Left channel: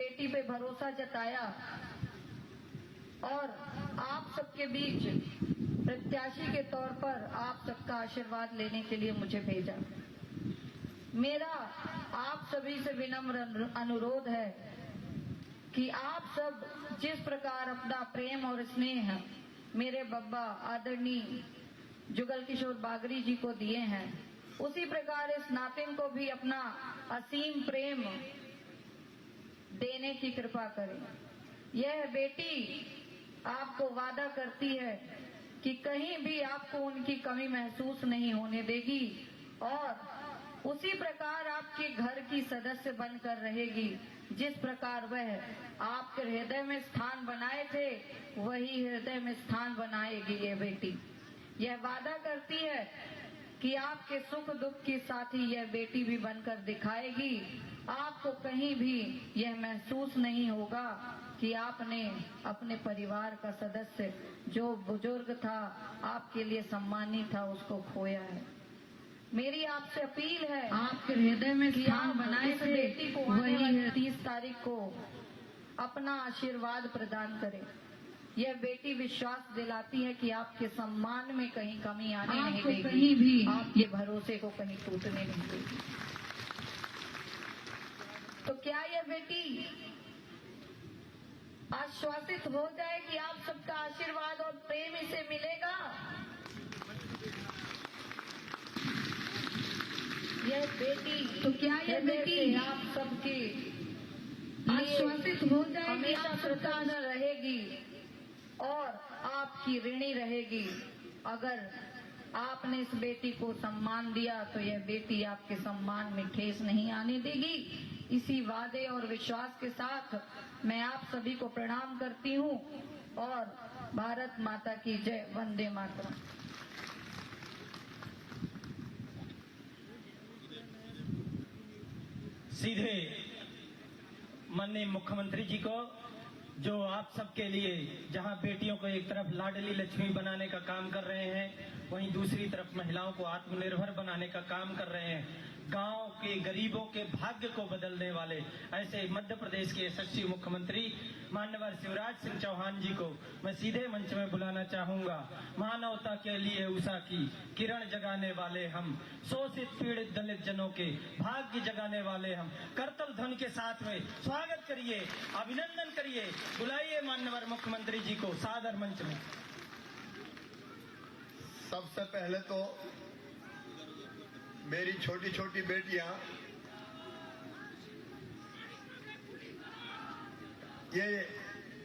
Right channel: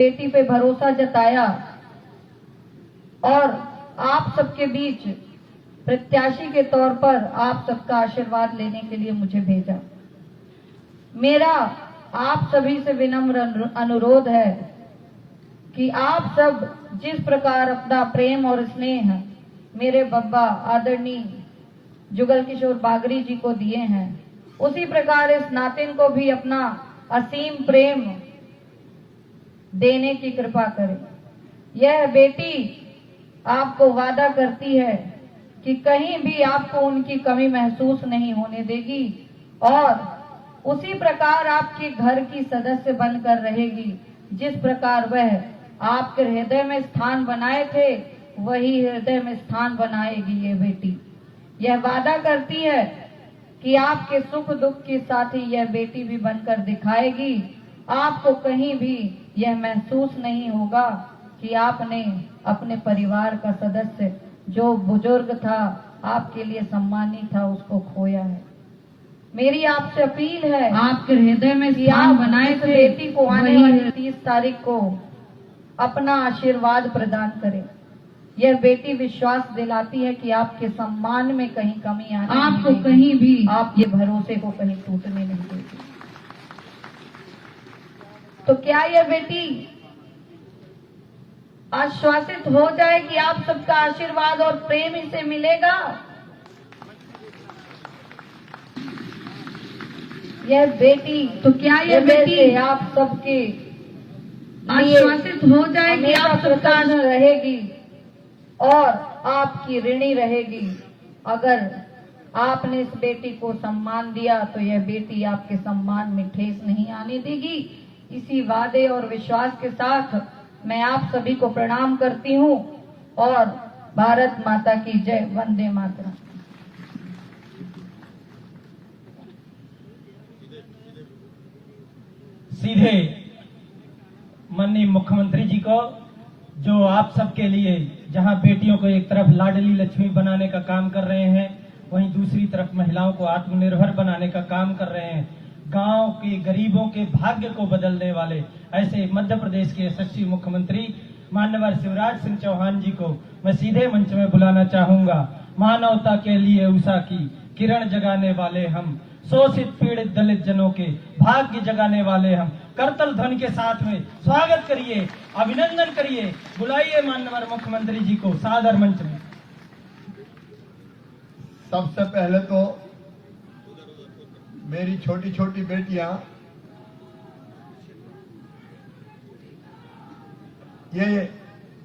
बेटी पे भरोसा जताया और आप सबके बीच प्रत्याशी के तौर पर आप सबका आशीर्वाद लेने के लिए मुझे भेजा। मेरा आप सभी से विनम्र अनुरोध है कि आप सब जिस प्रकार अपना प्रेम और स्नेह मेरे बब्बा आदरणीय जुगल किशोर बागरी जी को दिए हैं, उसी प्रकार इस नातिन को भी अपना असीम प्रेम देने की कृपा करें। यह बेटी आपको वादा करती है कि कहीं भी आपको उनकी कमी महसूस नहीं होने देगी और उसी प्रकार आपके घर की सदस्य बनकर रहेगी। जिस प्रकार वह आपके हृदय में स्थान बनाए थे, वही हृदय में स्थान बनाएगी ये बेटी। यह वादा करती है कि आपके सुख दुख के साथ ही यह बेटी भी बनकर दिखाएगी। आपको कहीं भी यह महसूस नहीं होगा कि आपने अपने परिवार का सदस्य जो बुजुर्ग था, आपके लिए सम्मानित था, उसको खोया है। मेरी आपसे अपील है आपके हृदय में कि स्थान आप बनाए इस थे, बेटी को आने वाली 30 तारीख को अपना आशीर्वाद प्रदान करें। यह बेटी विश्वास दिलाती है कि आपके सम्मान में कहीं कमी आने आपको नहीं देगी, कहीं भी आपके भरोसे को कहीं टूटने नहीं देगी। तो क्या यह बेटी आश्वासित हो जाए कि आप सबका आशीर्वाद और प्रेम इसे मिलेगा? यह बेटी तो क्या यह बेटी आप सबके आश्वासित हो जाए कि आप सबका कृतज्ञ रहेगी और आपकी ऋणी रहेगी। अगर आपने इस बेटी को सम्मान दिया तो यह बेटी आपके सम्मान में ठेस नहीं आने देगी। इसी वादे और विश्वास के साथ मैं आप सभी को प्रणाम करती हूँ और भारत माता की जय। वंदे मातरम। सीधे माननीय मुख्यमंत्री जी को, जो आप सबके लिए जहां बेटियों को एक तरफ लाडली लक्ष्मी बनाने का काम कर रहे हैं, वहीं दूसरी तरफ महिलाओं को आत्मनिर्भर बनाने का काम कर रहे हैं, गांव के गरीबों के भाग्य को बदलने वाले ऐसे मध्य प्रदेश के यशस्वी मुख्यमंत्री माननीय शिवराज सिंह चौहान जी को मैं सीधे मंच में बुलाना चाहूंगा। मानवता के लिए उषा की किरण जगाने वाले हम, शोषित पीड़ित दलित जनों के भाग्य जगाने वाले हम। करतल ध्वनि के साथ में स्वागत करिए, अभिनंदन करिए, बुलाइए माननीय मुख्यमंत्री जी को सादर मंच में। सबसे पहले तो मेरी छोटी छोटी बेटियां, ये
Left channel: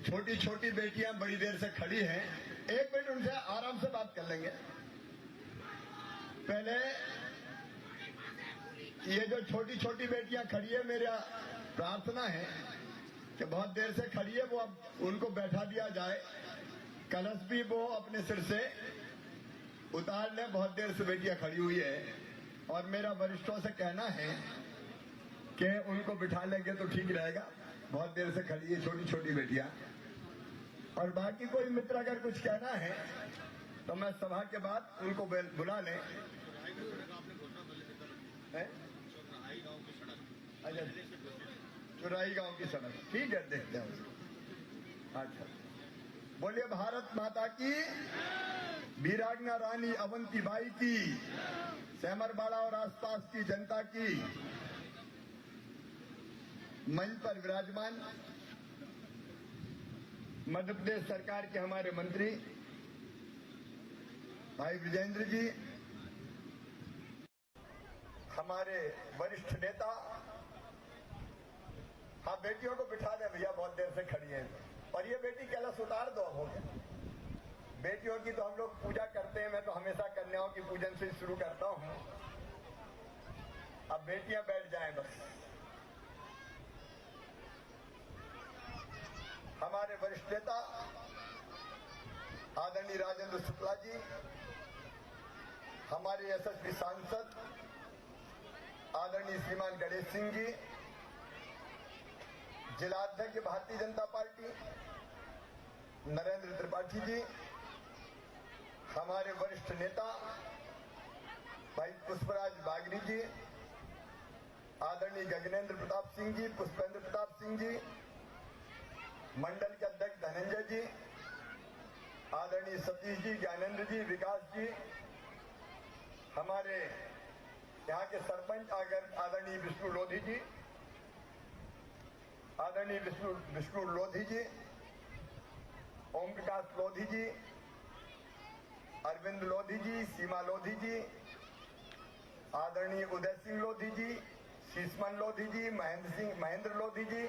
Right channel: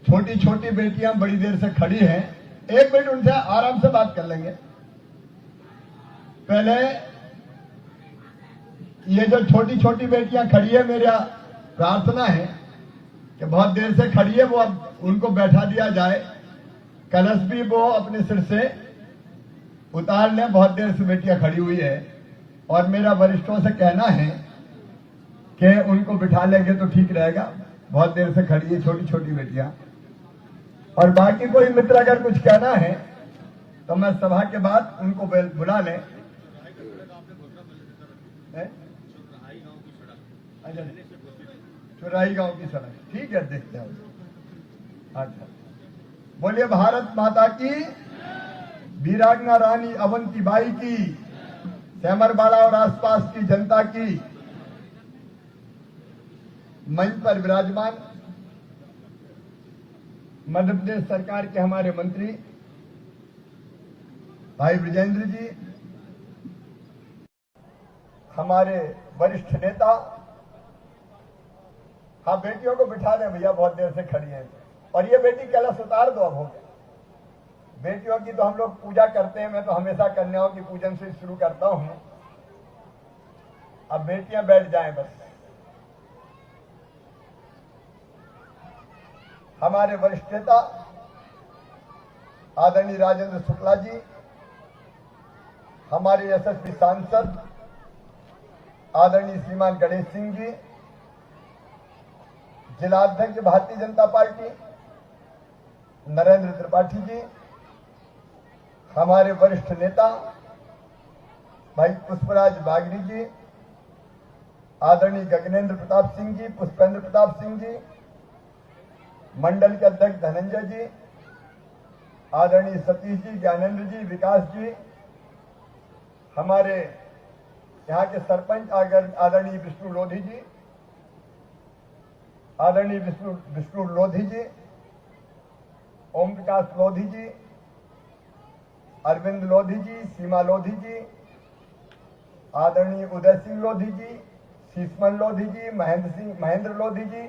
छोटी छोटी बेटियां बड़ी देर से खड़ी हैं। एक मिनट उनसे आराम से बात कर लेंगे। पहले ये जो छोटी छोटी बेटियां खड़ी है, मेरा प्रार्थना है कि बहुत देर से खड़ी है, वो अब उनको बैठा दिया जाए। कलश भी वो अपने सिर से उतार लें, बहुत देर से बेटियां खड़ी हुई है। और मेरा वरिष्ठों से कहना है कि उनको बिठा लेंगे तो ठीक रहेगा, बहुत देर से खड़ी है छोटी छोटी बेटियां। और बाकी कोई मित्र अगर कुछ कहना है तो मैं सभा के बाद उनको बुला लें। अच्छा, चुराई गांव की सड़क, ठीक है, देखते हैं उसको। अच्छा, बोलिए भारत माता की, वीरांगना रानी अवंतीबाई की, सेमरबाड़ा और आसपास की जनता की। मंच पर विराजमान मध्य प्रदेश सरकार के हमारे मंत्री भाई विजेंद्र जी, हमारे वरिष्ठ नेता। हाँ, बेटियों को बिठा दें भैया, बहुत देर से खड़ी है। और ये बेटी कलश उतार दो, अब हो गया। बेटियों की तो हम लोग पूजा करते हैं, मैं तो हमेशा कन्याओं की पूजन से शुरू करता हूं। अब बेटियां बैठ जाएं बस। हमारे वरिष्ठ नेता आदरणीय राजेंद्र शुक्ला जी, हमारे यशस्वी सांसद आदरणीय श्रीमान गणेश सिंह जी, जिलाध्यक्ष भारतीय जनता पार्टी नरेंद्र त्रिपाठी जी, हमारे वरिष्ठ नेता भाई पुष्पराज बागरी जी, आदरणीय गगनेंद्र प्रताप सिंह जी, पुष्पेंद्र प्रताप सिंह जी, मंडल के अध्यक्ष धनंजय जी, आदरणीय सतीश जी, ज्ञानेंद्र जी, विकास जी, हमारे यहाँ के सरपंच आदरणीय विष्णु लोधी जी, आदरणीय विष्णु लोधी जी, ओम प्रकाश लोधी जी, अरविंद लोधी जी, सीमा लोधी जी, आदरणीय उदय सिंह लोधी जी, शीशमन लोधी जी, महेंद्र लोधी जी,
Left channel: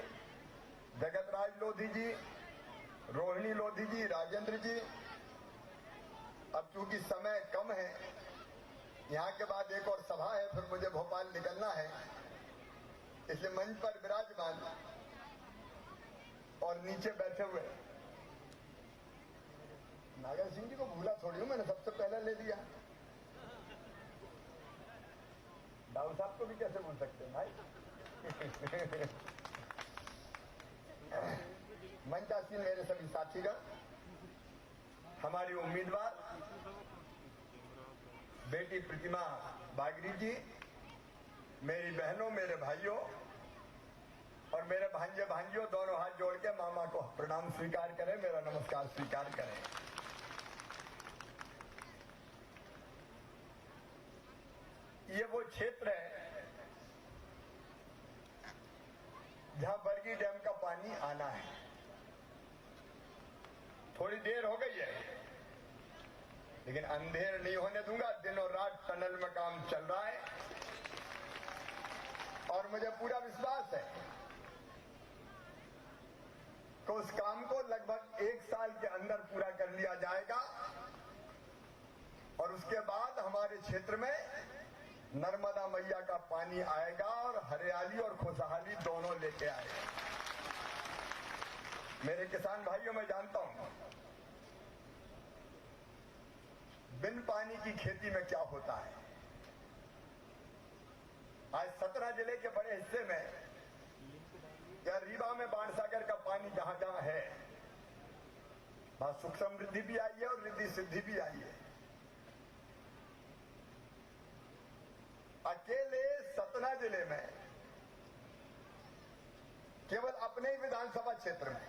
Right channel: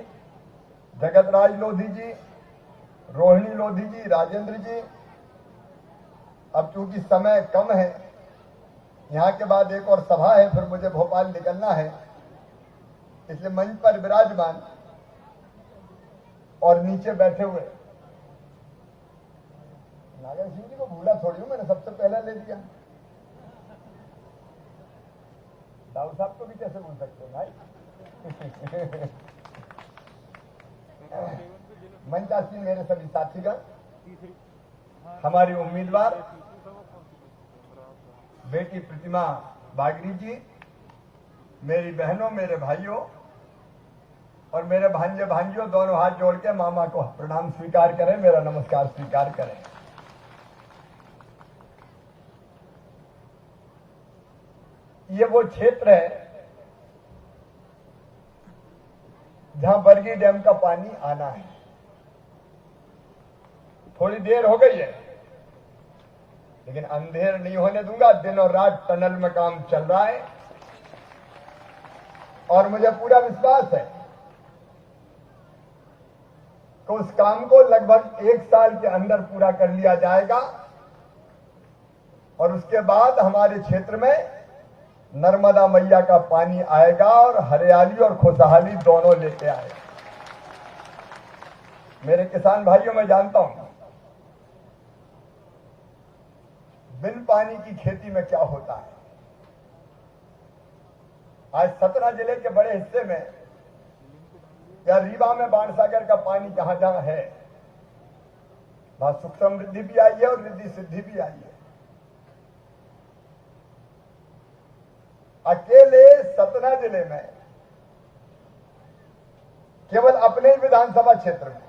जगत राज लोधी जी, रोहिणी लोधी जी, राजेंद्र जी। अब चूंकि समय कम है, यहाँ के बाद एक और सभा है, फिर मुझे भोपाल निकलना है, इसलिए मंच पर विराजमान और नीचे बैठे हुए नागर सिंह जी को भूला थोड़ी हूं, मैंने सबसे पहले ले लिया। दाऊ साहब को भी कैसे भूल सकते हैं भाई। मंचासीन मेरे सभी साथीगण, हमारी उम्मीदवार बेटी प्रतिमा बागरी जी, मेरी बहनों, मेरे भाइयों और मेरे भांजे भांजियों, दोनों हाथ जोड़ के मामा को प्रणाम स्वीकार करें, मेरा नमस्कार स्वीकार करें। ये वो क्षेत्र है जहां बरगी डैम का पानी आना है। थोड़ी देर हो गई है, लेकिन अंधेर नहीं होने दूंगा। दिन और रात टनल में काम चल रहा है और मुझे पूरा विश्वास है तो उस काम को लगभग 1 साल के अंदर पूरा कर लिया जाएगा और उसके बाद हमारे क्षेत्र में नर्मदा मैया का पानी आएगा और हरियाली और खुशहाली दोनों लेके आएगा। मेरे किसान भाइयों, मैं जानता हूं बिन पानी की खेती में क्या होता है। आज सतना जिले के बड़े हिस्से में या रीवा में बाणसागर का पानी जहां जहां है, वहां सुख समृद्धि भी आई है और रिद्धि सिद्धि भी आई है। अकेले सतना जिले में केवल अपने ही विधानसभा क्षेत्र में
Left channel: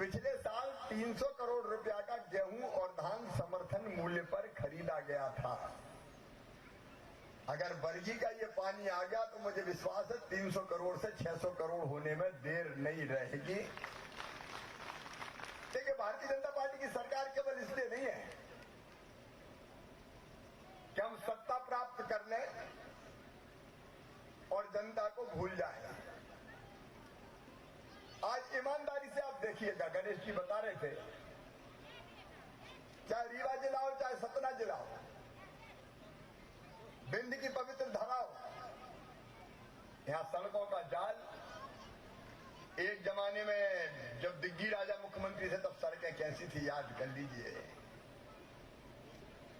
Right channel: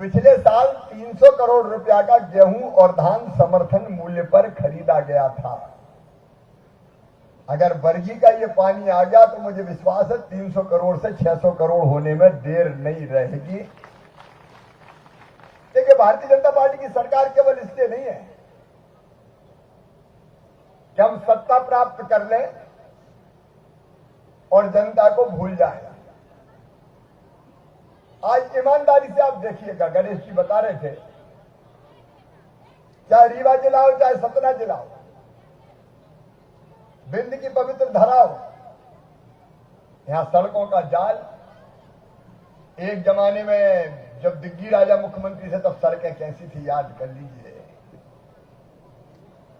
पिछले साल 300 करोड़ रुपया का गेहूं और धान समर्थन मूल्य पर खरीदा गया था। अगर बरगी का ये पानी आ गया तो मुझे विश्वास है 300 करोड़ से 600 करोड़ होने में देर नहीं रहेगी। देखिए, भारतीय जनता पार्टी की सरकार केवल इसलिए नहीं है कि हम सत्ता प्राप्त कर लें और जनता को भूल जाए। आज ईमानदारी से आप देखिएगा, गणेश जी बता रहे थे, चाहे रीवा जिला हो चाहे सतना जिला हो, बिंद की पवित्र धरा हो, यहां सड़कों का जाल। एक जमाने में जब दिग्गी राजा मुख्यमंत्री थे तब सड़कें कैसी थी, याद कर लीजिए।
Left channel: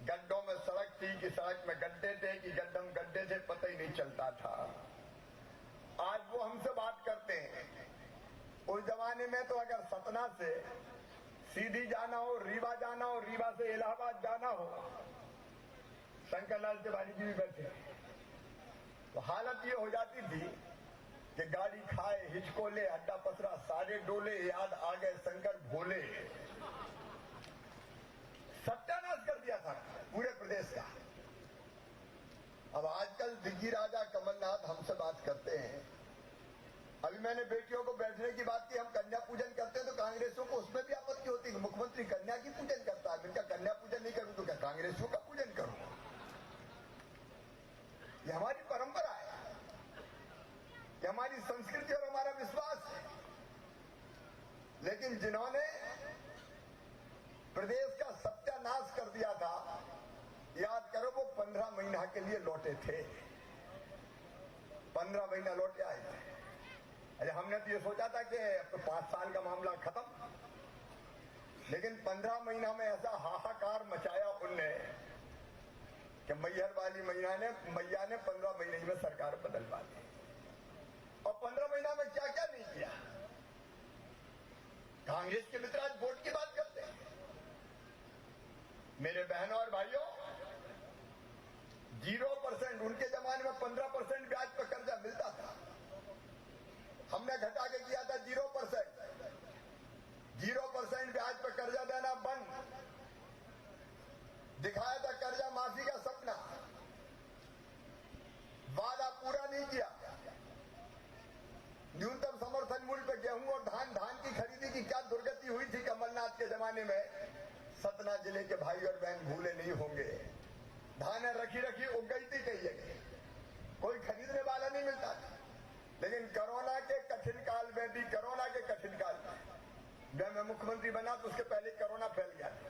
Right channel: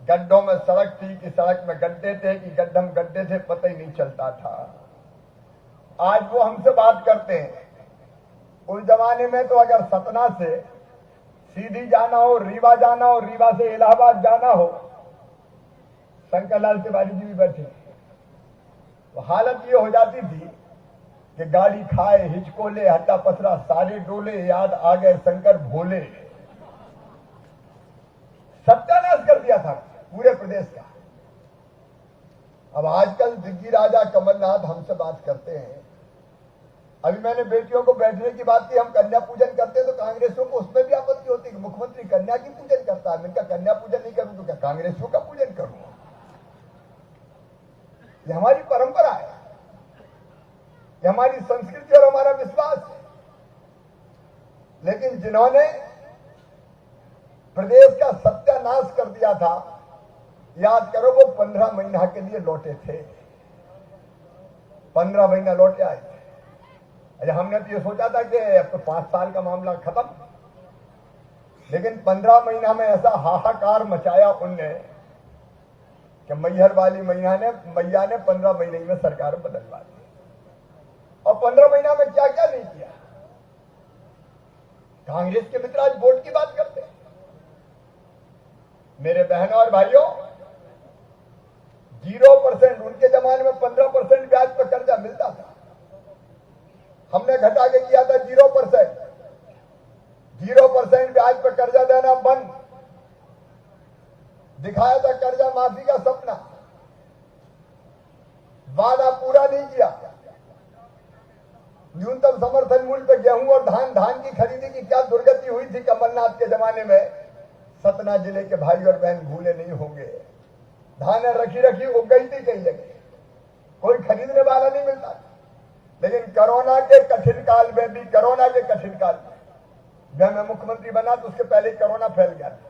गड्ढों में सड़क थी कि सड़क में गड्ढे थे कि गड्ढम गड्ढे थे, पता ही नहीं चलता था। आज वो हमसे बात करते हैं। उस जमाने में तो अगर सतना से सीधी जाना हो, रीवा जाना हो, रीवा से इलाहाबाद जाना हो, शंकरलाल तिवारी जी भी बैठे, तो हालत ये हो जाती थी कि गाड़ी खाए हिचकोले हट्टा पसरा सारे डोले, याद आ गए शंकर भोले। सत्यानाश कर दिया था पूरे प्रदेश का। अब आजकल दिग्गी राजा कमलनाथ हमसे बात करते हैं। अभी मैंने बेटियों को बैठने की बात की, हम कन्या पूजन करते हैं तो कांग्रेसियों को उसमें भी आपत्ति होती है कि मुख्यमंत्री कन्या की पूजन करता है। मैं क्या कन्या पूजन नहीं करूं तो क्या कांग्रेसियों का पूजन करूं? ये हमारी परंपरा है, ये हमारी संस्कृति और हमारा विश्वास है। लेकिन जिन्होंने प्रदेश का सत्यानाश कर दिया था, याद करो, वो 15 महीना के लिए लौटे थे। 15 महीना लौटे आए थे। अरे हमने तो ये सोचा था कि अब तो 5 साल का मामला खत्म, लेकिन 15 महीना में ऐसा हाहाकार मचाया उनने कि मैहर वाली मैया ने 15 महीने में सरकार बदलवा दी। और 15 महीना में क्या क्या नहीं किया। कांग्रेस के मित्र आज वोट की बात करते हैं। मेरे बहनों और भाइयों, 0% उनके जमाने में 15% ब्याज पर कर्जा मिलता था। हमने घटा के किया था 0%। 0% ब्याज पर कर्जा देना बंद, दिखाया था कर्जा माफी का सपना, वादा पूरा नहीं किया। न्यूनतम समर्थन मूल्य पर गेहूं और धान की खरीदी की क्या दुर्गति हुई थी कमलनाथ के जमाने में, सतना जिले के भाई और बहन भूले नहीं होंगे। धान रखी उग गई थी कई जगह, कोई खरीदने वाला नहीं मिलता था। लेकिन कोरोना के कठिन काल में भी, जब मैं मुख्यमंत्री बना तो उसके पहले कोरोना फैल गया था।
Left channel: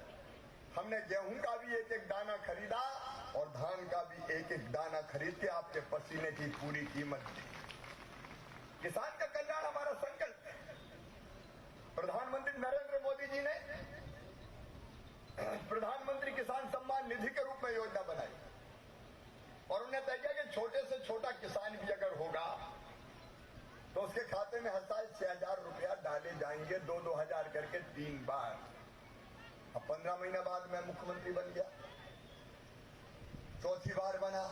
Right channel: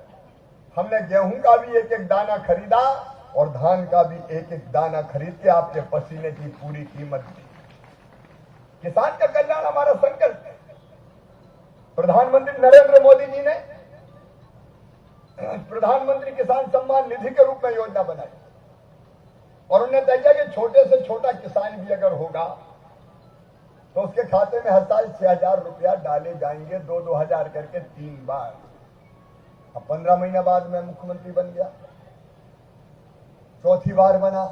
हमने गेहूं का भी एक दाना खरीदा और धान का भी एक दाना खरीद के आपके पसीने की पूरी कीमत दी। किसान का कल्याण हमारा संकल्प है। प्रधानमंत्री नरेंद्र मोदी जी ने प्रधानमंत्री किसान सम्मान निधि के रूप में योजना बनाई और उन्हें तय किया कि छोटे से छोटा किसान भी अगर होगा तो उसके खाते में हर साल 6,000 रुपया डाले जाएंगे, 2-2 हजार करके 3 बार। अब 15 महीना बाद मैं मुख्यमंत्री बन गया, चौथी बार बना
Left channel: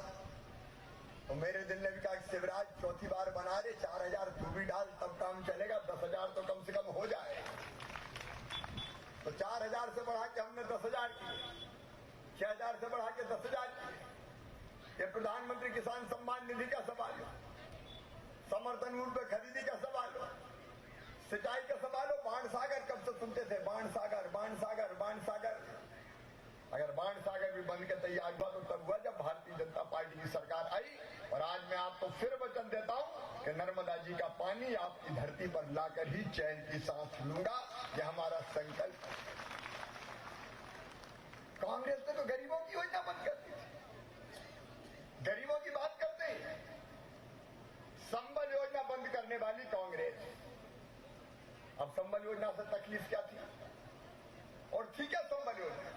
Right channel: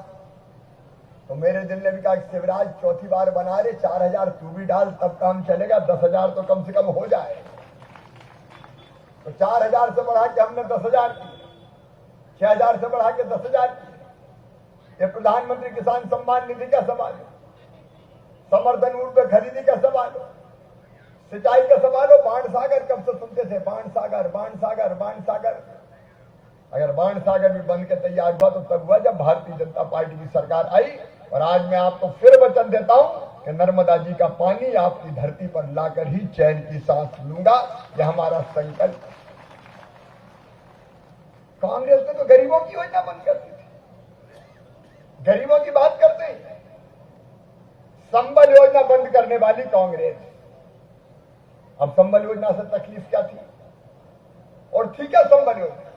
तो मेरे दिल ने भी कहा कि शिवराज चौथी बार बना रहे, 4,000 तू भी डाल तब काम चलेगा, 10,000 तो कम से कम हो जाए। तो 4,000 से बढ़ा के हमने 10,000 किए, 6,000 से बढ़ा के 10,000 किए। ये प्रधानमंत्री किसान सम्मान निधि का सवाल है, समर्थन मूल्य पर खरीदी का सवाल हो, सिंचाई का सवाल हो। बाण सागर कब से सुनते थे, बाण सागर। अगर बाण सागर भी बन के तैयार हुआ तो तब हुआ जब भारतीय जनता पार्टी की सरकार आई। और आज मैं आपको फिर वचन देता हूं कि नर्मदा जी का पानी आपकी धरती पर लाकर ही चैन की सांस लूंगा, यह हमारा संकल्प है। कांग्रेस ने तो गरीबों की योजना बंद कर दी थी, गरीबों की बात करते हैं। संबल योजना बंद करने वाली कांग्रेस, अब संबल योजना से तकलीफ क्या थी और थी क्या संबल योजना?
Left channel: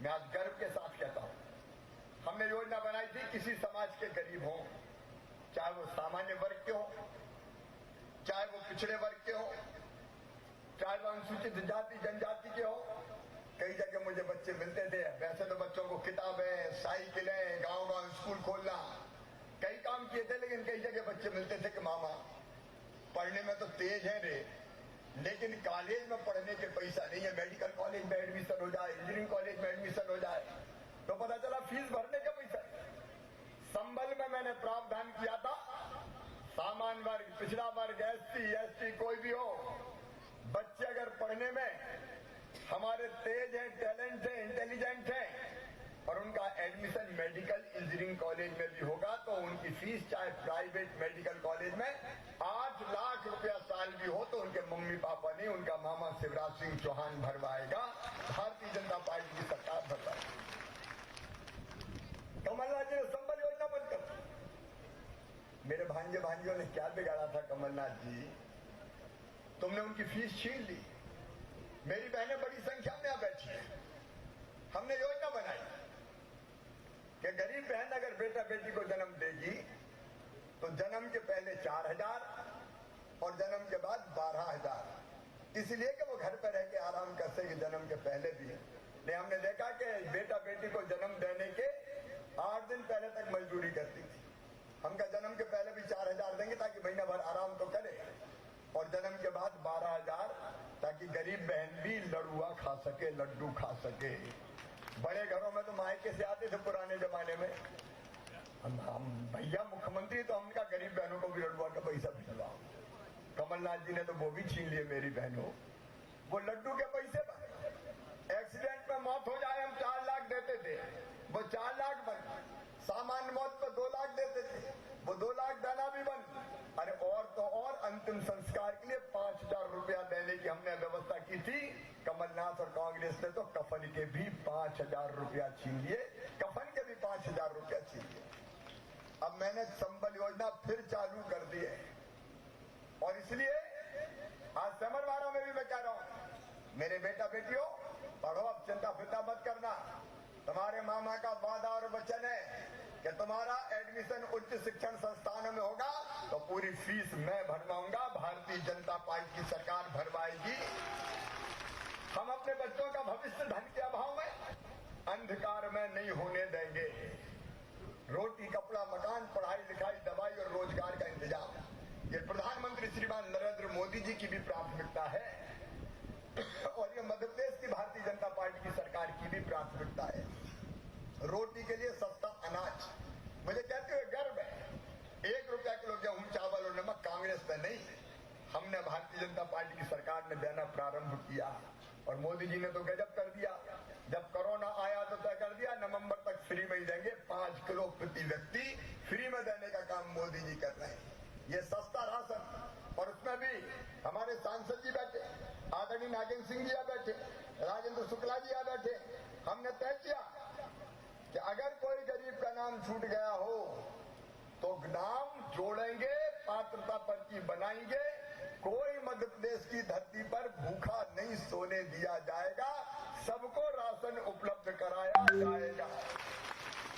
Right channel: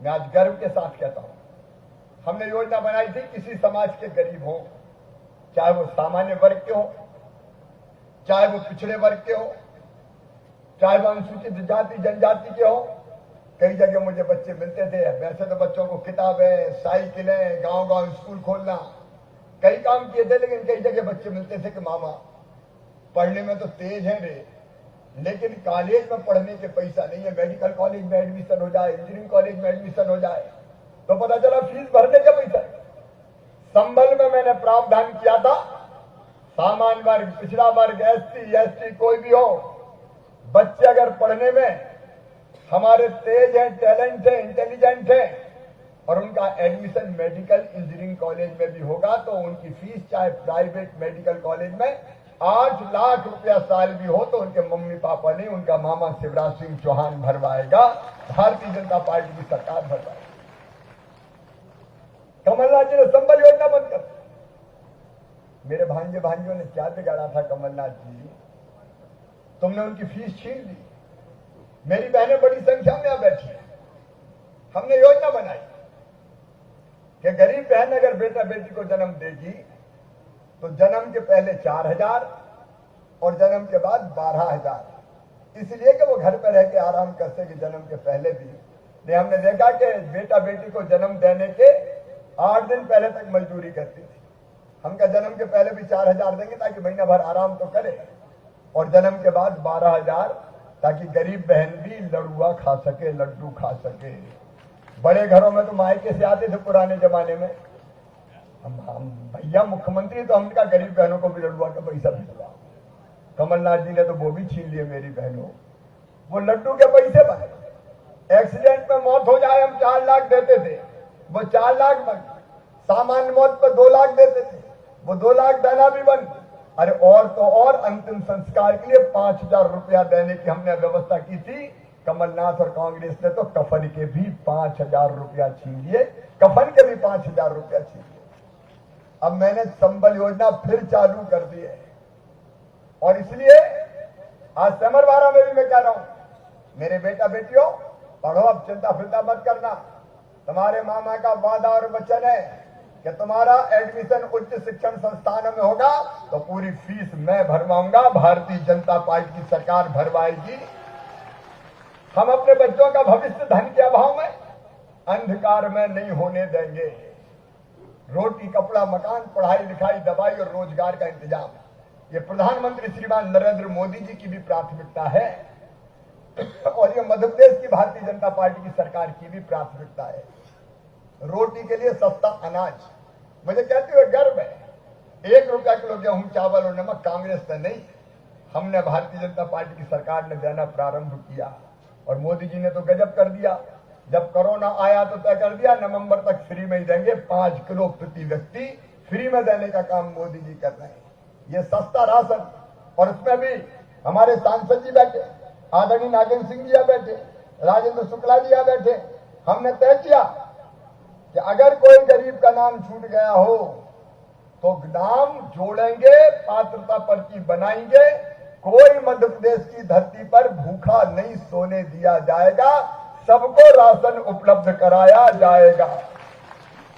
मैं आज गर्व के साथ कहता हूं, हमने योजना बनाई थी किसी समाज के गरीब हो, चाहे वो सामान्य वर्ग के हो, चाहे वो पिछड़े वर्ग के हो, चाहे वो अनुसूचित जाति जनजाति के हो। कई जगह मुझे बच्चे मिलते थे, वैसे तो बच्चों को किताबें, साइकिलें, गांव-गांव स्कूल खोलना, कई काम किए थे, लेकिन कई जगह बच्चे मिलते थे कि मामा पढ़ने में तो तेज है रे, लेकिन कॉलेज में पढ़ने के पैसा नहीं है। मेडिकल कॉलेज में एडमिशन हो जाए, इंजीनियरिंग कॉलेज में एडमिशन हो जाए तो पता चला फीस भरने का पैसा। संबल में मैंने प्रावधान किया था, सामान्य वर्ग, पिछड़ा वर्ग, SC, कोई भी हो, बच्चे अगर पढ़ने में हमारे तेज हैं, टैलेंट है, इंटेलिजेंट है और उनका एडमिशन मेडिकल इंजीनियरिंग कॉलेज में भी होगा तो उनकी फीस चाहे प्राइवेट मेडिकल कॉलेज में 8 लाख रुपया साल भी हो तो उनके मम्मी पापा नहीं, उनका मामा शिवराज सिंह चौहान भरवाएगा, भारतीय जनता पार्टी की सरकार भरवाएगी। कमलनाथ जी ने संबल योजना बंद कर दी। मेरे भांजे भांजियों ने क्या बिगाड़ा था कमलनाथ जी, तुमने उनकी फीस छीन ली। मेरी बहनें बड़ी संख्या में यहां बैठी है। हमने योजना बनाई कि गरीब बहन अगर बेटा बेटी को जन्म देगी तो जन्म के पहले 4,000 और जन्म के बाद 12,000, इसलिए कि वो घर पर रह के आराम कर सके जन्म के पहले भी। नहीं, हमने देखा कि बेटा बेटी को जन्म देने के 8 दिन पहले तक मजदूरी करती थी। हमका जन्म के पहले भी 4,000 देंगे ताकि महीना भर आराम तो करे, और जन्म के बाद 12,000 ताकि गरीब बहन भी लड़ुआ खा सके, लड्डू खा सके। बड़े घरों में तो मायके से आते थे पुराने जमाने में, हम भैया मुख्यमंत्री तो हमने कहा गरीब बहनों को भी लड्डुआ का पैसा भिजवा। कमलनाथ जी ने तो वो भी छीन लिए मेरी बहनों, वो लड्डू के पैसे बने। एक्सीडेंट में मौत हो जाए हम 4 लाख देते थे, वो 4 लाख बन। सामान्य मौत पर 2 लाख देते थे, वो 2 लाख देना भी बन। अरे और तो और अंतिम संस्कार के लिए 5,000 रुपया देने की हमने व्यवस्था की थी। कमलनाथ और कांग्रेस ने तो कफन के भी 5,000 रुपया छीन लिए, कफन के भी 5,000 रुपया छीन लिए। अब मैंने संबल योजना फिर चालू कर दी है और इसलिए आज समरवारा में भी मैं कह रहा हूं, मेरे बेटा बेटियों पढ़ो, अब चिंता फिरता मत करना। तुम्हारे मामा का वादा और वचन है कि तुम्हारा एडमिशन उच्च शिक्षण संस्थानों में होगा तो पूरी फीस मैं भरवाऊंगा, भारतीय जनता पार्टी की सरकार भरवाएगी। हम अपने बच्चों का भविष्य धन के अभाव में अंधकार में नहीं होने देंगे। रोटी, कपड़ा, मकान, पढ़ाई लिखाई, दवाई और रोजगार का इंतजाम ये प्रधानमंत्री श्रीमान नरेंद्र मोदी जी की भी प्राथमिकता है और ये मध्य प्रदेश की भारतीय जनता पार्टी की सरकार की भी प्राथमिकता है। रोटी के लिए सस्ता अनाज, मुझे कहते हुए गर्व है, 1 रुपया किलो गेहूं, चावल और नमक कांग्रेस ने नहीं, हमने भारतीय जनता पार्टी की सरकार ने देना प्रारंभ किया। और मोदी जी ने तो गजब कर दिया, जब कोरोना आया तो तय कर दिया नवंबर तक फ्री में ही देंगे, 5 किलो प्रति व्यक्ति फ्री में देने का काम मोदी जी कर रहे हैं। ये सस्ता राशन, और उसमें भी हमारे सांसद जी बैठे, आदरणीय नागेंद्र सिंह जी बैठे, राजेंद्र शुक्ला जी बैठे। हमने तय किया कि अगर कोई गरीब का नाम छूट गया हो तो नाम जोड़ेंगे, पात्रता पर्ची बनाएंगे, कोई मध्य प्रदेश की धरती पर भूखा नहीं सोने दिया जाएगा, सबको राशन उपलब्ध कराया जाएगा।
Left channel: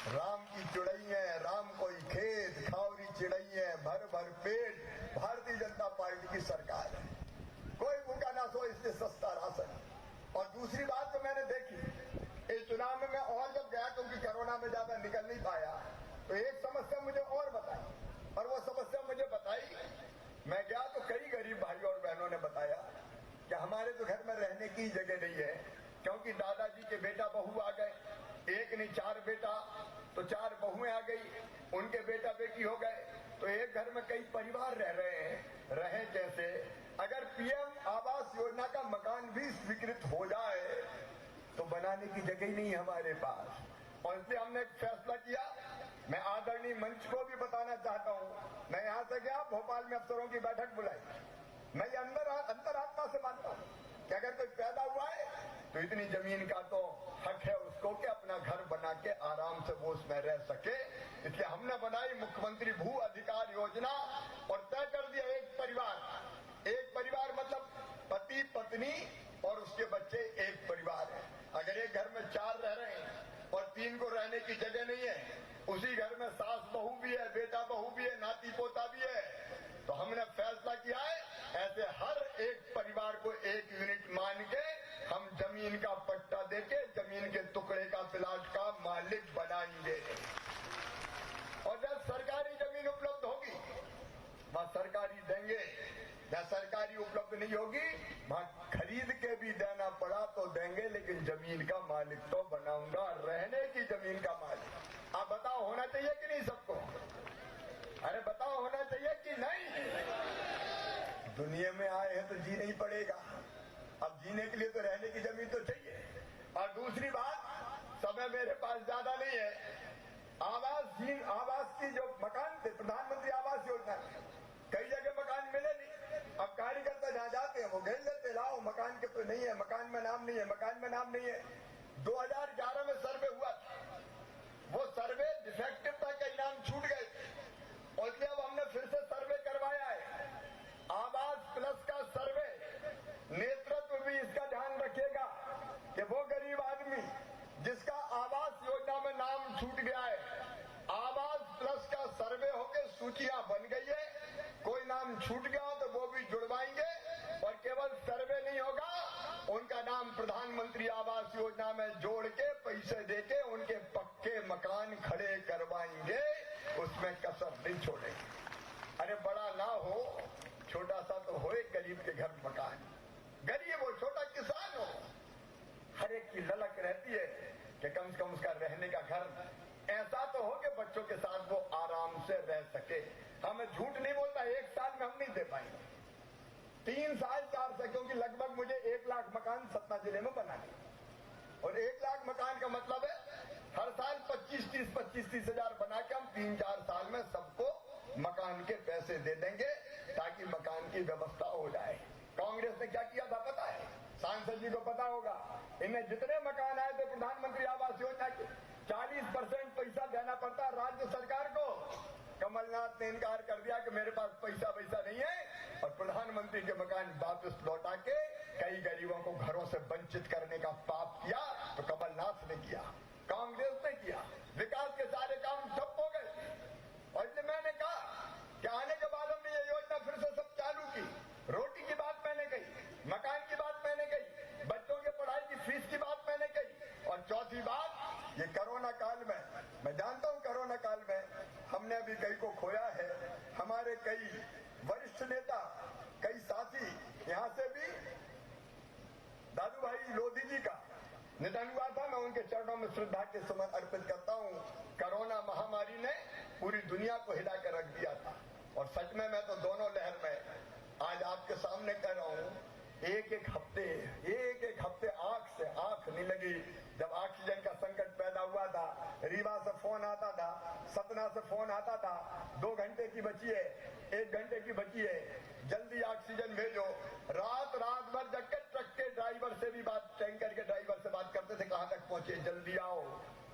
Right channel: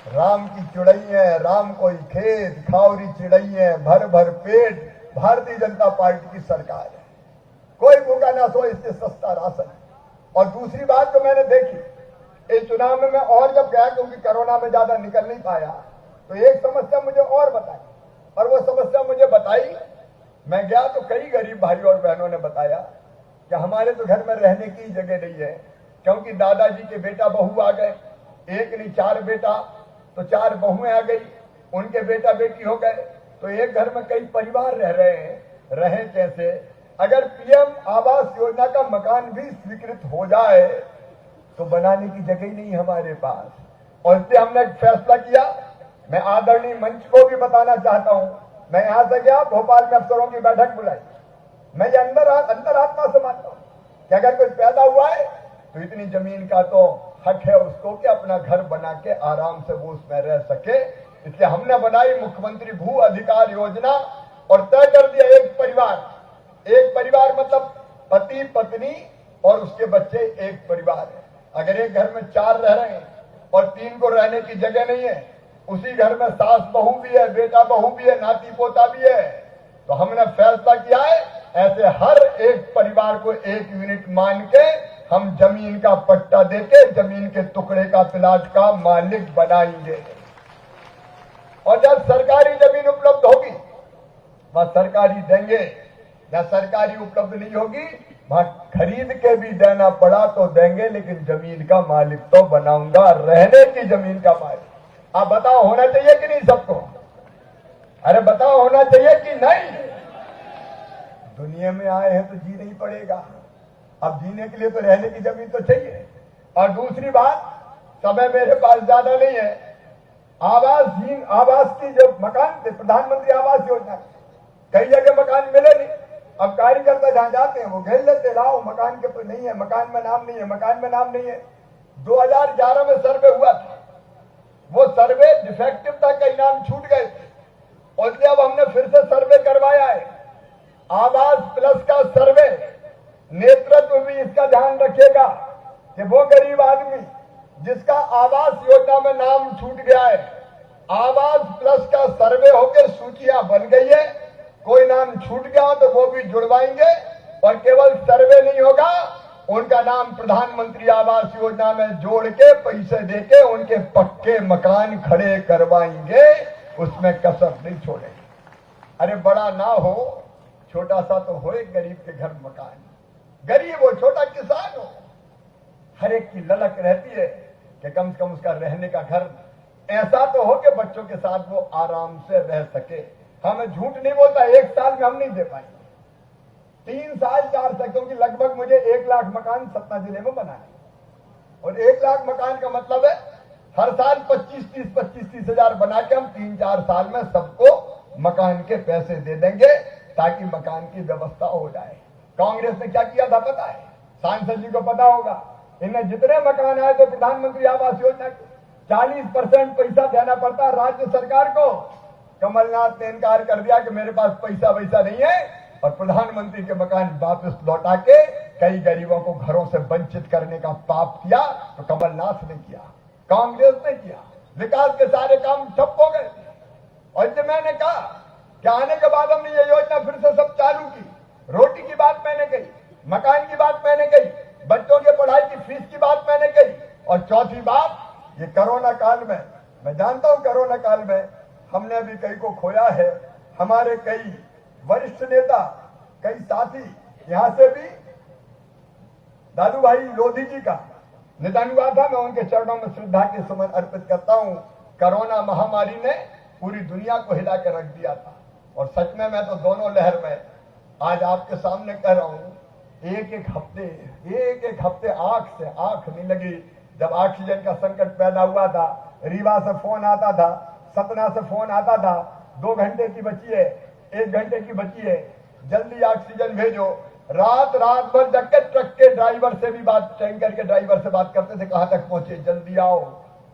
राम की चिड़ैया, राम कोई खेत, खावरी चिड़ैया, भर भर पेट, भारतीय जनता पार्टी की सरकार है, कोई भूखा ना सो, इससे सस्ता राशन। और दूसरी बात जो मैंने देखी इस चुनाव में, मैं और जब गया क्योंकि कोरोना में ज्यादा निकल नहीं पाया, तो एक समस्या मुझे और बताई, और वो समस्या मुझे बताई, मैं गया तो कई गरीब भाई और बहनों ने बताया कि हमारे तो घर में रहने की जगह नहीं है, क्योंकि दादाजी के बेटा बहू आ गए, एक नहीं 4 बेटा, तो 4 बहुएं आ गई, उनके बेटा बेटी हो गए, तो एक घर में कई परिवार रह रहे हैं, रहे कैसे? अगर पीएम आवास योजना का मकान भी स्वीकृत हो जाए तो बनाने की जगह ही नहीं हमारे पास। और इसलिए हमने एक फैसला किया, मैं आदरणीय मंच को भी बताना चाहता हूं, मैं यहां से गया, भोपाल में अफसरों की बैठक बुलाई, मैं ये अंतरात्मा से मानता हूं कि अगर कोई पैदा हुआ है तो इतनी जमीन का तो हक है उसको कि अपना घर बना के आराम से वो उसमें रह सके। इसलिए हमने बनाई मुख्यमंत्री भू अधिकार योजना और तय कर दिया एक परिवार मतलब पति पत्नी और उसके बच्चे एक परिवार है। अगर एक घर में 4 रह रहे हैं और 3 को रहने की जगह नहीं है, उसी घर में सास बहू भी है, बेटा बहू भी है, नाती पोता भी है, तो हमने फैसला किया है ऐसे हर एक परिवार को 1 यूनिट मान के हम जमीन का पट्टा देके जमीन के टुकड़े का प्लाट का मालिक बनाएंगे। और जब सरकारी जमीन उपलब्ध होगी वह सरकारी देंगे, या सरकारी उपलब्ध नहीं होगी वहां खरीद के भी देना पड़ा तो देंगे, लेकिन जमीन का मालिक तो बनाऊंगा, रहने की जमीन का मालिक। आप बताओ होना चाहिए कि नहीं सबको? अरे बताओ होना चाहिए कि नहीं? दुनिया में आए हैं तो जीना ही पड़ेगा, अब जीने के लिए तो रहने की जमीन तो चाहिए। और दूसरी बात, समय मेरे पास ज्यादा नहीं है, आवास की जो मकान थे प्रधानमंत्री आवास योजना, कई जगह मकान मिले नहीं, अब कार्यकर्ता जहां जाते हैं वो घेर लेते, लाओ मकान के तो नहीं है, मकान में नाम नहीं है, मकान में नाम नहीं है। 2011 में सर्वे हुआ था, वो सर्वे डिफेक्टिव था, कई नाम छूट गए थे, और इसलिए अब हमने फिर से सर्वे करवाया है, आवास प्लस का सर्वे। नेतृत्व भी इसका ध्यान रखेगा कि वो गरीब आदमी जिसका आवास योजना में नाम छूट गया है, आवास प्लस का सर्वे होकर सूचियां बन गई है, कोई नाम छूट गया तो वो भी जुड़वाएंगे, और केवल सर्वे नहीं होगा, उनका नाम प्रधानमंत्री आवास योजना में जोड़ के पैसे देके उनके पक्के मकान खड़े करवाएंगे, उसमें कसर नहीं छोड़ेंगे। अरे बड़ा ना हो, छोटा सा तो हो, एक गरीब के घर मकान, गरीब हो, छोटा किसान हो, हर एक की ललक रहती है कि कम से कम उसका रहने का घर ऐसा तो हो कि बच्चों के साथ वो आराम से रह सके। हमें झूठ नहीं बोलता, 1 साल में हम नहीं दे पाएंगे, 3 साल 4 साल, क्योंकि लगभग मुझे 1 लाख मकान सतना जिले में बनाने, और 1 लाख मकान का मतलब है हर साल 25-30 हजार बना के हम 3-4 साल में सबको मकान के पैसे दे देंगे ताकि मकान की व्यवस्था हो जाए। कांग्रेस ने क्या किया था पता है? सांसद जी को पता होगा, इन्हें जितने मकान आए थे प्रधानमंत्री आवास योजना के 40% पैसा देना पड़ता राज्य सरकार को। कमलनाथ ने इनकार कर दिया कि मेरे पास पैसा वैसा नहीं है, और प्रधानमंत्री के मकान वापस लौटा के कई गरीबों को घरों से वंचित करने का पाप किया। तो कमलनाथ ने किया, कांग्रेस ने किया, विकास के सारे काम ठप हो गए। और जब मैंने कहा कि आने के बाद हमने ये योजना फिर से सब चालू की, रोटी की बात मैंने कही, मकान की बात मैंने कही, बच्चों के पढ़ाई की फीस की बात मैंने कही, और चौथी बात, ये कोरोना काल में, मैं जानता हूं कोरोना काल में हमने भी कई को खोया है, हमारे कई वरिष्ठ नेता, कई साथी, यहाँ से भी दादू भाई लोधी जी का निधन हुआ था। मैं उनके चरणों में श्रद्धा के सुमन अर्पित करता हूँ। कोरोना महामारी ने पूरी दुनिया को हिला कर रख दिया था, और सच में मैं तो दोनों लहर में आज आपके सामने कह रहा हूँ, एक एक हफ्ते आंख से आंख नहीं लगी। जब ऑक्सीजन का संकट पैदा हुआ था, रीवा से फोन आता था, सतना से फोन आता था, 2 घंटे की बची है, 1 घंटे की बची है, जल्दी ऑक्सीजन भेजो। रात भर जग के ट्रक के ड्राइवर से भी बात, टैंकर के ड्राइवर से बात करते थे, कहां तक पहुंचे, जल्दी आओ,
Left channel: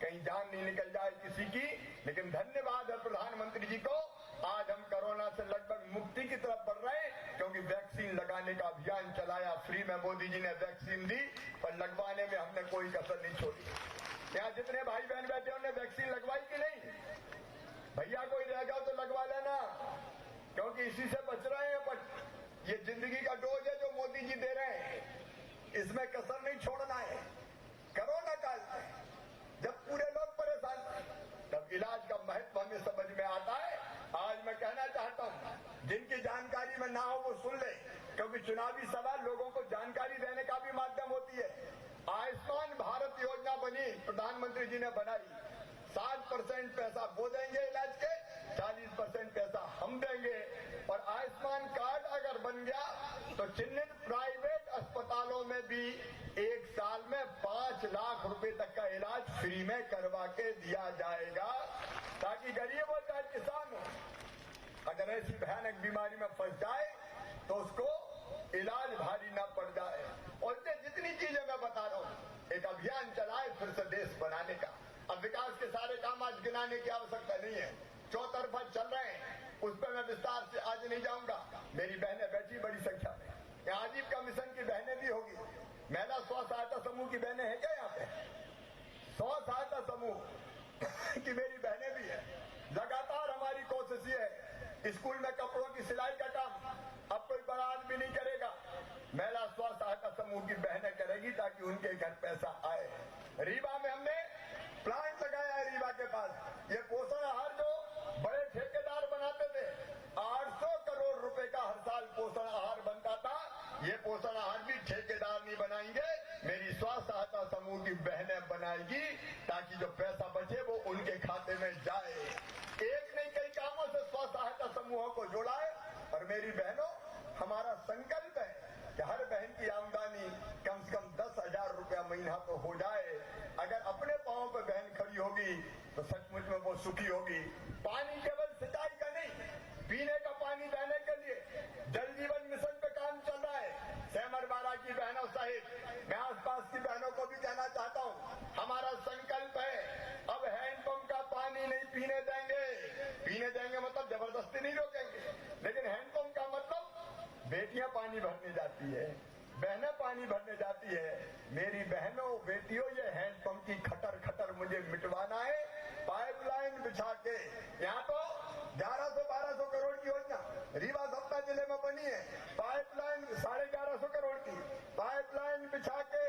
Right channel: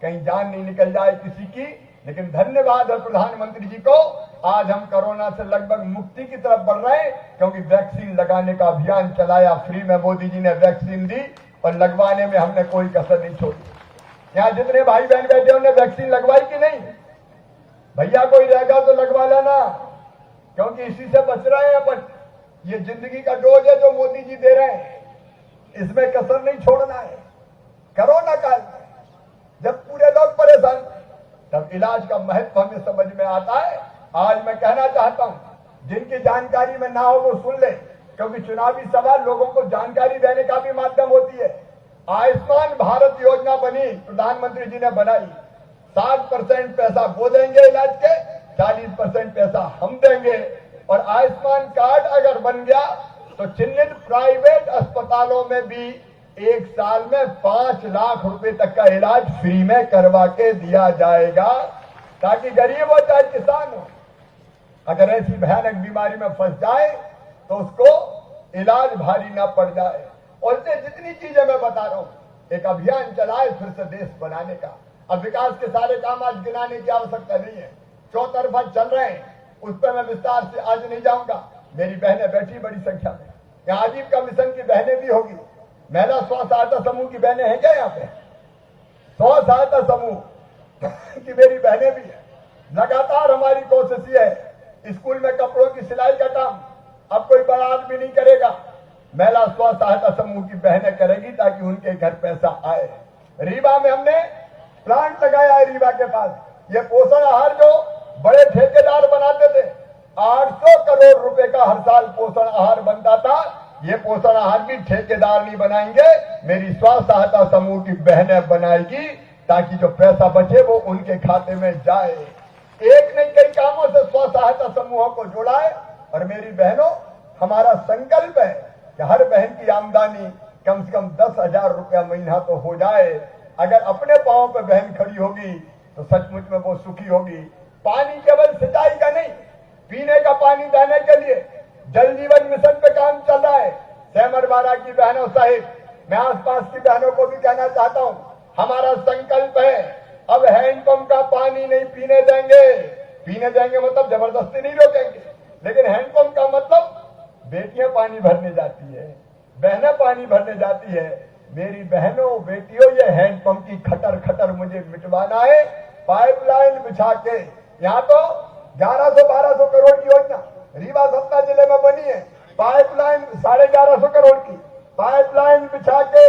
कहीं जान नहीं निकल जाए किसी की। लेकिन धन्यवाद है प्रधानमंत्री जी को, आज हम कोरोना से लगभग मुक्ति की तरफ बढ़ रहे हैं, क्योंकि वैक्सीन लगाने का अभियान चलाया। फ्री में मोदी जी ने वैक्सीन दी और लगवाने में हमने कोई कसर नहीं छोड़ी। यहाँ जितने भाई बहन बैठे उन्होंने वैक्सीन लगवाई कि नहीं? भैया कोई रहेगा तो लगवा लेना, क्योंकि इसी से बच रहे हैं अपन। ये जिंदगी का डोज है जो मोदी जी दे रहे हैं, इसमें कसर नहीं छोड़ना है। कोरोना काल में जब पूरे लोग परेशान थे, तब इलाज का महत्व हमें समझ में आता है। आज मैं कहना चाहता हूं, जिनकी जानकारी में ना हो वो सुन ले, क्योंकि चुनावी सभा लोगों को जानकारी देने का भी माध्यम होती है। आयुष्मान भारत योजना बनी, प्रधानमंत्री जी ने बनाई। 60% पैसा वो देंगे इलाज के, 40% पैसा हम देंगे। और आयुष्मान कार्ड अगर बन गया तो चिन्हित प्राइवेट अस्पतालों में भी 1 साल में 5 लाख रुपए तक का इलाज फ्री में करवा के दिया जाएगा, ताकि गरीब हो चाहे किसान हो, अगर ऐसी भयानक बीमारी में फंस जाए तो उसको इलाज भारी ना पड़ जाए। और इससे जितनी चीजें मैं बता रहा हूं, एक अभियान चलाए फिर से देश बनाने का। अब विकास के सारे काम आज गिनाने की आवश्यकता नहीं है, चौतरफा चल रहे हैं, उस पर मैं विस्तार से आज नहीं जाऊंगा। मेरी बहनें बैठी बड़ी संख्या में, यहाँ आजीविका मिशन की बहनें भी होगी, महिला स्व सहायता समूह की बहनें हैं क्या यहाँ पे? स्व सहायता समूह की मेरी बहनें भी है। लगातार हमारी कोशिश ये है, स्कूल में कपड़ों की सिलाई का काम अब कोई बड़ा आदमी नहीं करेगा, महिला स्व सहायता समूह की बहनें करेगी, ताकि उनके घर पैसा आए। रीवा में हमने प्लांट लगाया है, रीवा के पास। ये पोषण आहार जो बड़े ठेकेदार बनाते थे, 800 करोड़ रुपए का हर साल पोषण आहार बनता था। ये पोषण आहार भी ठेकेदार नहीं बनाएंगे, मेरी स्व सहायता समूह की बहनें बनाएगी, ताकि जो पैसा बचे वो उनके खाते में जाए। एक नहीं कई कामों से स्व सहायता समूहों को जोड़ा है। और मेरी बहनों, हमारा संकल्प है कि हर बहन की आमदनी कम से कम 10,000 रुपया महीना तो हो जाए। अगर अपने पांव पर बहन खड़ी होगी तो सचमुच में वो सुखी होगी। पानी केवल सिंचाई का नहीं, पीने का पानी देने के लिए जल जीवन मिशन पे काम चल रहा है। सेमरवाड़ा की बहनों सहित मैं आसपास की बहनों को भी कहना चाहता हूं, हमारा संकल्प है अब हैंडपंप का पानी नहीं पीने देंगे मतलब जबरदस्ती नहीं रोकेंगे, लेकिन हैंडपंप का मतलब बेटियां पानी भरने जाती है, बहनें पानी भरने जाती है। मेरी बहनों बेटियों, ये हैंडपंप की खटर मुझे मिटवाना है। पाइपलाइन बिछा के, यहाँ तो 1100-1200 करोड़ की योजना रीवा सतना जिले में बनी है। पाइपलाइन 1150 करोड़ की पाइपलाइन बिछा के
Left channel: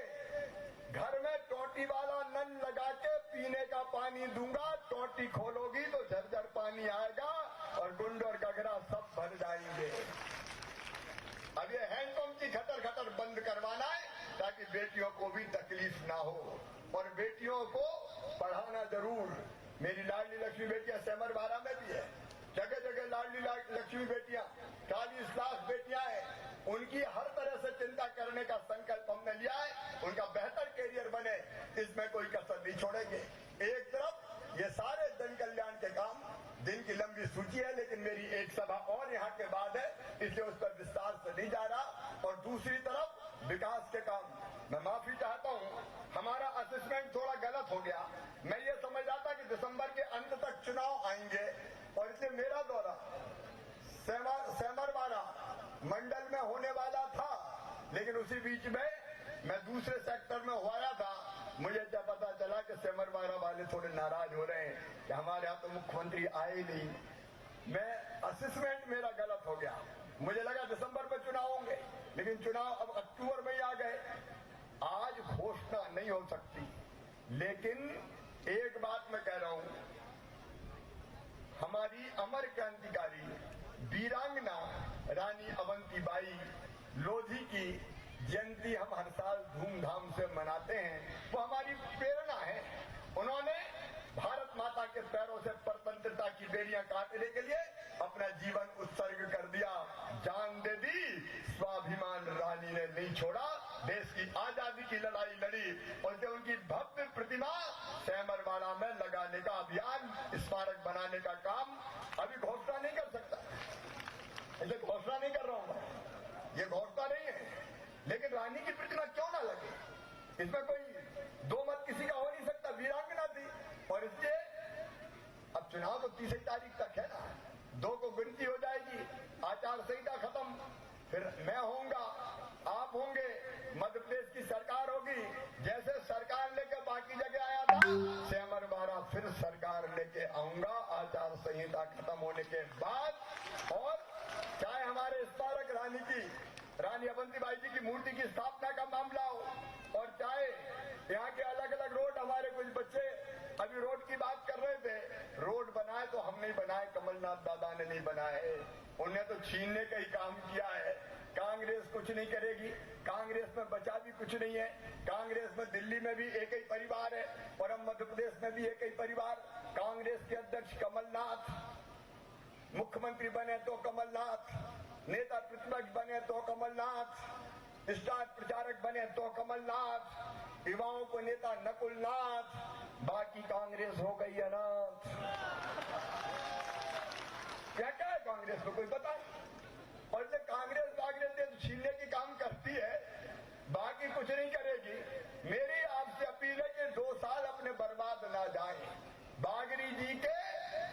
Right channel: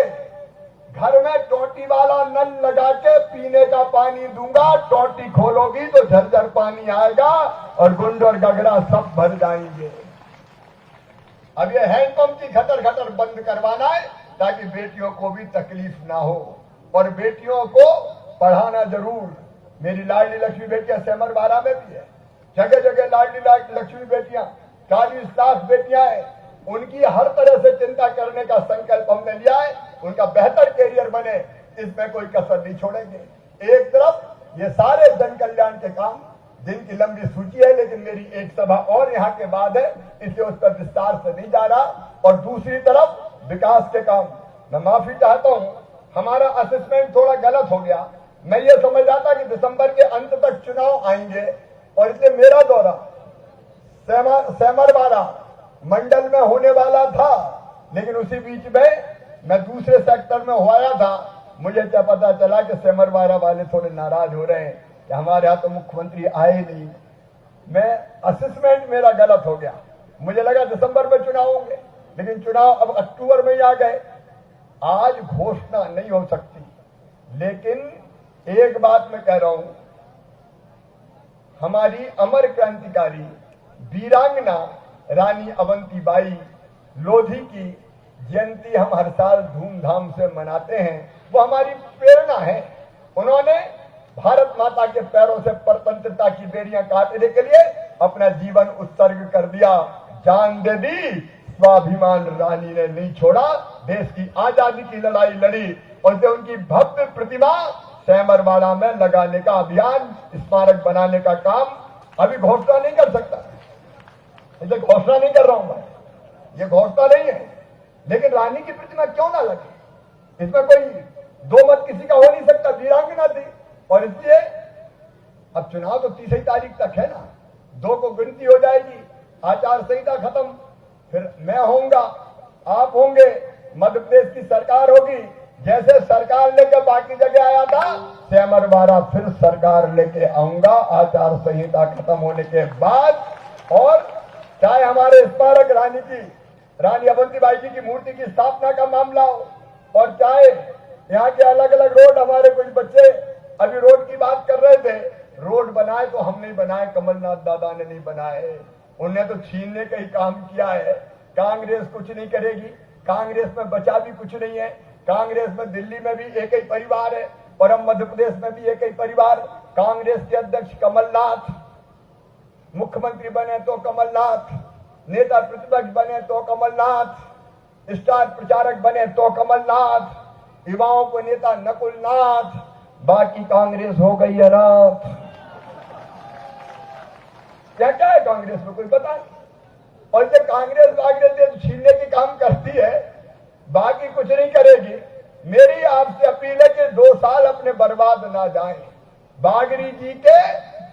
घर में टोटी वाला नल लगा के पीने का पानी दूंगा। टोटी खोलोगी तो झरझर पानी आएगा और गुंड और गगरा सब भर जाएंगे। अब ये हैंडपंप की खटर बंद करवाना है, ताकि बेटियों को भी तकलीफ ना हो। और बेटियों को पढ़ाना जरूर। मेरी लाडली लक्ष्मी बेटियां सेमरवाड़ा में भी है, जगह जगह लाडली लक्ष्मी बेटियां, 40 लाख बेटियां हैं। उनकी हर तरह से चिंता करने का संकल्प हमने लिया है, उनका बेहतर कैरियर बने, इसमें कोई कसर नहीं छोड़ेंगे। एक तरफ ये सारे जन कल्याण के काम जिनकी लंबी सूची है, लेकिन मेरी एक सभा और यहाँ के बाद है, इसलिए उस पर विस्तार से नहीं जा रहा। और दूसरी तरफ विकास के काम, मैं माफी चाहता हूँ, हमारा असेसमेंट थोड़ा गलत हो गया। मैं ये समझ रहा था कि दिसंबर के अंत तक चुनाव आएंगे, और इसलिए मेरा दौरा सेमरवाड़ा मंडल में होने वाला था, लेकिन उसी बीच में मैं दूसरे सेक्टर में हुआ था। मुझे क्या पता चला कि सेमरवाड़ा वाले थोड़े नाराज हो रहे हैं कि हमारे यहाँ तो मुख्यमंत्री आए नहीं। मैं असेसमेंट मेरा गलत हो गया, मुझे लगा दिसंबर में चुनाव होंगे, लेकिन चुनाव अब अक्टूबर में ही आ गए। आज घोषणा नहीं हो सकती, लेकिन एक बात मैं कह रहा हूं, हमारी अमर क्रांतिकारी वीरांगना रानी अवंतीबाई लोधी की जयंती हम हर साल धूमधाम से मनाते हैं। वो हमारी प्रेरणा है। उन्होंने भारत माता के पैरों से स्वतंत्रता की बेड़ियां काटने के लिए अपना जीवन उत्सर्ग कर दिया, जान दे दी। स्वाभिमान रानी ने नहीं छोड़ा, देश की आजादी की लड़ाई लड़ी और जो उनकी भव्य प्रतिमा सैमरवाड़ा में लगाने का अभियान, स्मारक बनाने का काम अभी घोषणा नहीं कर सकता। इसे घोषणा नहीं कर रहा हूं मैं, ये घोषणा नहीं है, लेकिन रानी की प्रतिमा क्यों ना लगे, इसमें कोई दो मत किसी का हो नहीं सकता। वीरांगना थी और इसलिए अब चुनाव तो 30 तारीख तक है ना, 2 को गिनती हो जाएगी, आचार संहिता खत्म, फिर मैं होऊंगा, आप होंगे, मध्य प्रदेश की सरकार होगी। जैसे सरकार लेकर बाकी जगह आया था, सैमरवाड़ा फिर सरकार लेके आऊंगा आचार संहिता खत्म होने के बाद। और चाहे हमारे स्मारक रानी अवंतीबाई जी की मूर्ति की स्थापना का मामला हो, और चाहे यहाँ के अलग अलग रोड, हमारे कुछ बच्चे अभी रोड की बात कर रहे थे, रोड बनाए तो हम नहीं बनाए, कमलनाथ दादा ने नहीं बनाए, उन्हें तो छीनने का ही काम किया है। कांग्रेस कुछ नहीं करेगी, कांग्रेस में बचा भी कुछ नहीं है। कांग्रेस में दिल्ली में भी एक ही परिवार है और अब मध्य प्रदेश में भी एक ही परिवार। कांग्रेस के अध्यक्ष कमलनाथ, मुख्यमंत्री बने तो कमलनाथ, नेता प्रतिपक्ष बने तो कमलनाथ, स्टार प्रचारक बने तो कमलनाथ, युवाओं को नेता नकुलनाथ, बाकी कांग्रेस हो गई है रात। क्या क्या है कांग्रेस में कोई पता नहीं। और जो कांग्रेस छीनने की काम करती है, बाकी कुछ नहीं करेगी। मेरी आपसे अपील है कि 2 साल अपने बर्बाद ना जाएं। बागरी जी के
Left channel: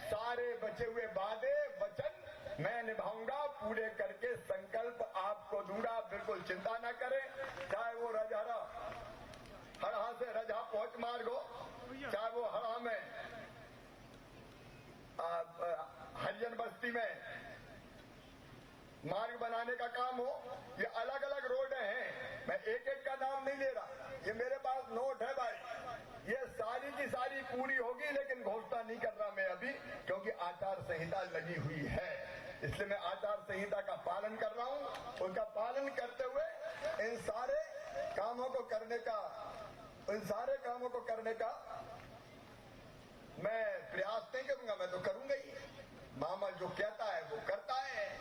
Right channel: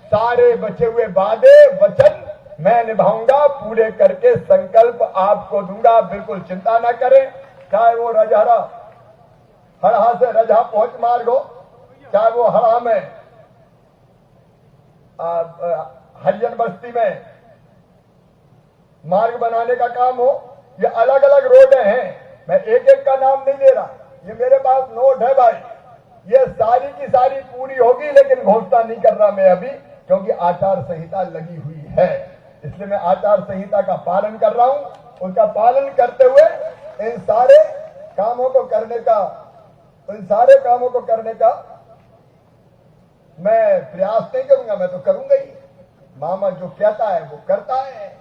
सारे बचे हुए वादे वचन मैं निभाऊंगा, पूरे करके संकल्प आपको दूंगा, बिल्कुल चिंता ना करें। चाहे वो रजहरा हड़हा से रजहा पहुंच मार्ग हो, चाहे वो हड़हा में हरिजन बस्ती में मार्ग बनाने का काम हो, ये अलग अलग रोडें हैं। मैं एक एक का नाम नहीं ले रहा, ये मेरे पास नोट है भाई, ये सारी की सारी पूरी होगी, लेकिन घोषणा नहीं कर रहा मैं अभी, क्योंकि आचार संहिता लगी हुई है। इसलिए मैं आचार संहिता का पालन कर रहा हूं। उनका पालन करते हुए इन सारे कामों को करने का मैं प्रयास नहीं करूंगा, मैं तो करूंगा ही। मामा जो कहता है वो करता है,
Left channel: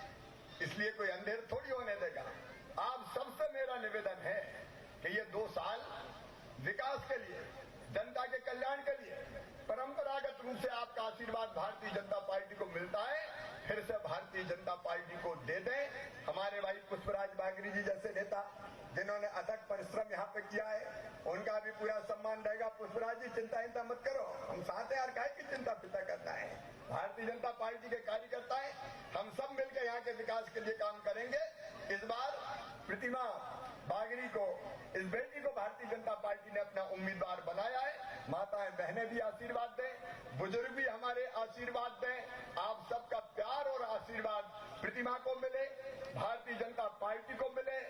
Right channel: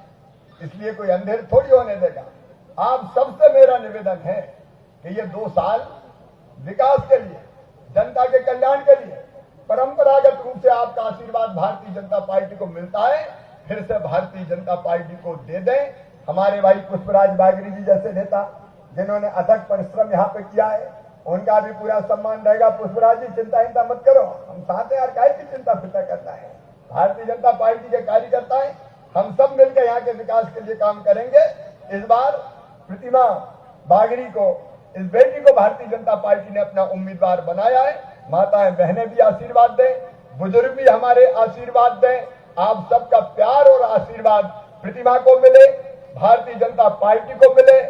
इसलिए कोई अंधेर थोड़ी होने देगा। आप सबसे मेरा निवेदन है कि ये 2 साल विकास के लिए, जनता के कल्याण के लिए, परंपरागत रूप से आपका आशीर्वाद भारतीय जनता पार्टी को मिलता है, फिर से भारतीय जनता पार्टी को दे दें। हमारे भाई पुष्पराज बागरी जी जैसे नेता जिन्होंने अथक परिश्रम यहाँ पे किया है, उनका भी पूरा सम्मान रहेगा। पुष्पराज जी चिंता मत करो, हम साथ हैं यार, काहे की चिंता फिक्र करना है। भारतीय जनता पार्टी के कार्यकर्ता है, हम सब मिलकर यहाँ के विकास के लिए काम करेंगे। इस बार प्रतिमा बागरी को, इस बेटी को भारतीय जनता पार्टी ने अपना उम्मीदवार बनाया है। माताएं बहनें भी आशीर्वाद दें, बुजुर्ग भी हमारे आशीर्वाद दें। आप सबका प्यार और आशीर्वाद प्रतिमा को मिले, भारतीय जनता पार्टी को मिले,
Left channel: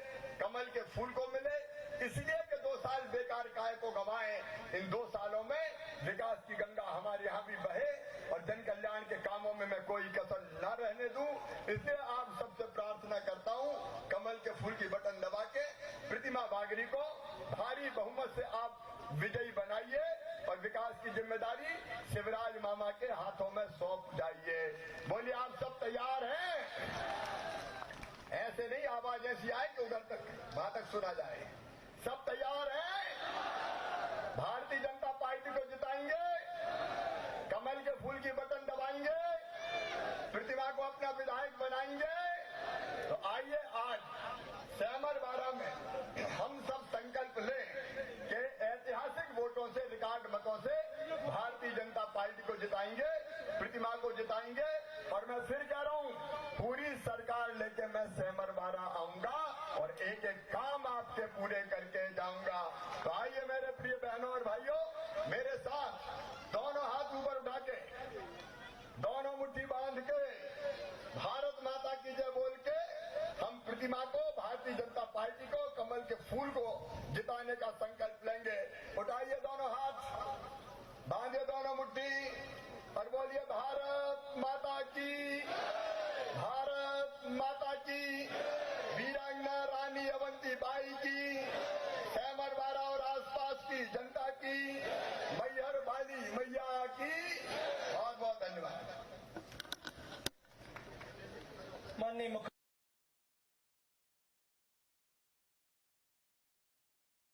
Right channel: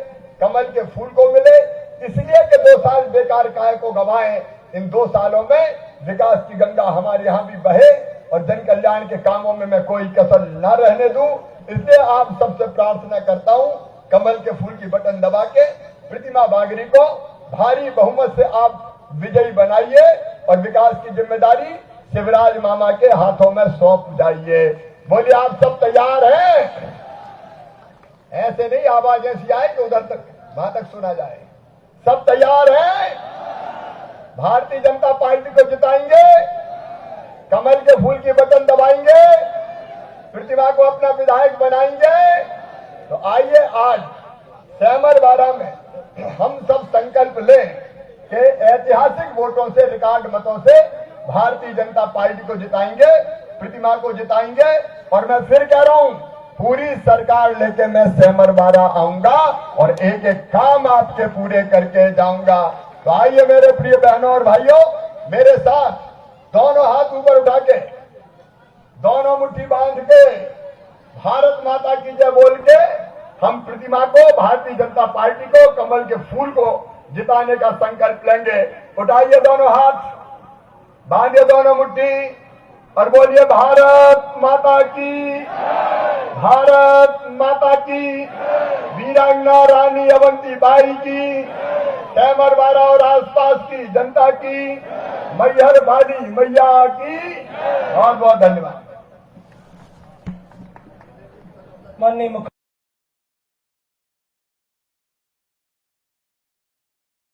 कमल के फूल को मिले। इसलिए कि 2 साल बेकार काहे को गवाएं, इन 2 सालों में विकास की गंगा हमारे यहाँ भी बहे और जन कल्याण के कामों में मैं कोई कसर न रहने दूं। इसलिए आप सबसे प्रार्थना करता हूं, कमल के फूल की बटन दबा के प्रतिमा बागरी को भारी बहुमत से आप विजयी बनाइए और विकास की जिम्मेदारी शिवराज मामा के हाथों में सौंप जाइए। बोलिए आप सब तैयार हैं? ऐसे नहीं आवाज ऐसी आए कि उधर तक वहां तक सुना जाए। सब तैयार हैं? भारतीय जनता पार्टी को जिताएंगे, कमल के फूल की बटन दबाएंगे, प्रतिमा को अपना विधायक बनाएंगे। तो आइए आज सैमरवाड़ा में हम सब संकल्प लें कि ऐतिहासिक वोटों से, रिकॉर्ड मतों से भारतीय जनता पार्टी को जिताएंगे, प्रतिमा को जिताएंगे। और मैं फिर कह रहा हूं, पूरी सरकार लेके मैं सैमरवाड़ा आऊंगा और एक एक काम आपके पूरे करके जाऊंगा। तो आइए मेरे प्रिय बहनों और भाइयों, मेरे साथ दोनों हाथ ऊपर उठा के, दोनों मुट्ठी बांध के, भारत माता की जय बोल के हम प्रतिमा को, भारतीय जनता पार्टी को, कमल के फूल को जिताने का संकल्प लेंगे। उठाइए दोनों हाथ, बांधिए दोनों मुट्ठी और बोलिए भारत माता की। भारत माता की, वीरांगना रानी अवंतीबाई की, सैमरवाड़ा और आसपास की जनता की, मैहर वाली मैया की बहुत बहुत धन्यवाद। माननीय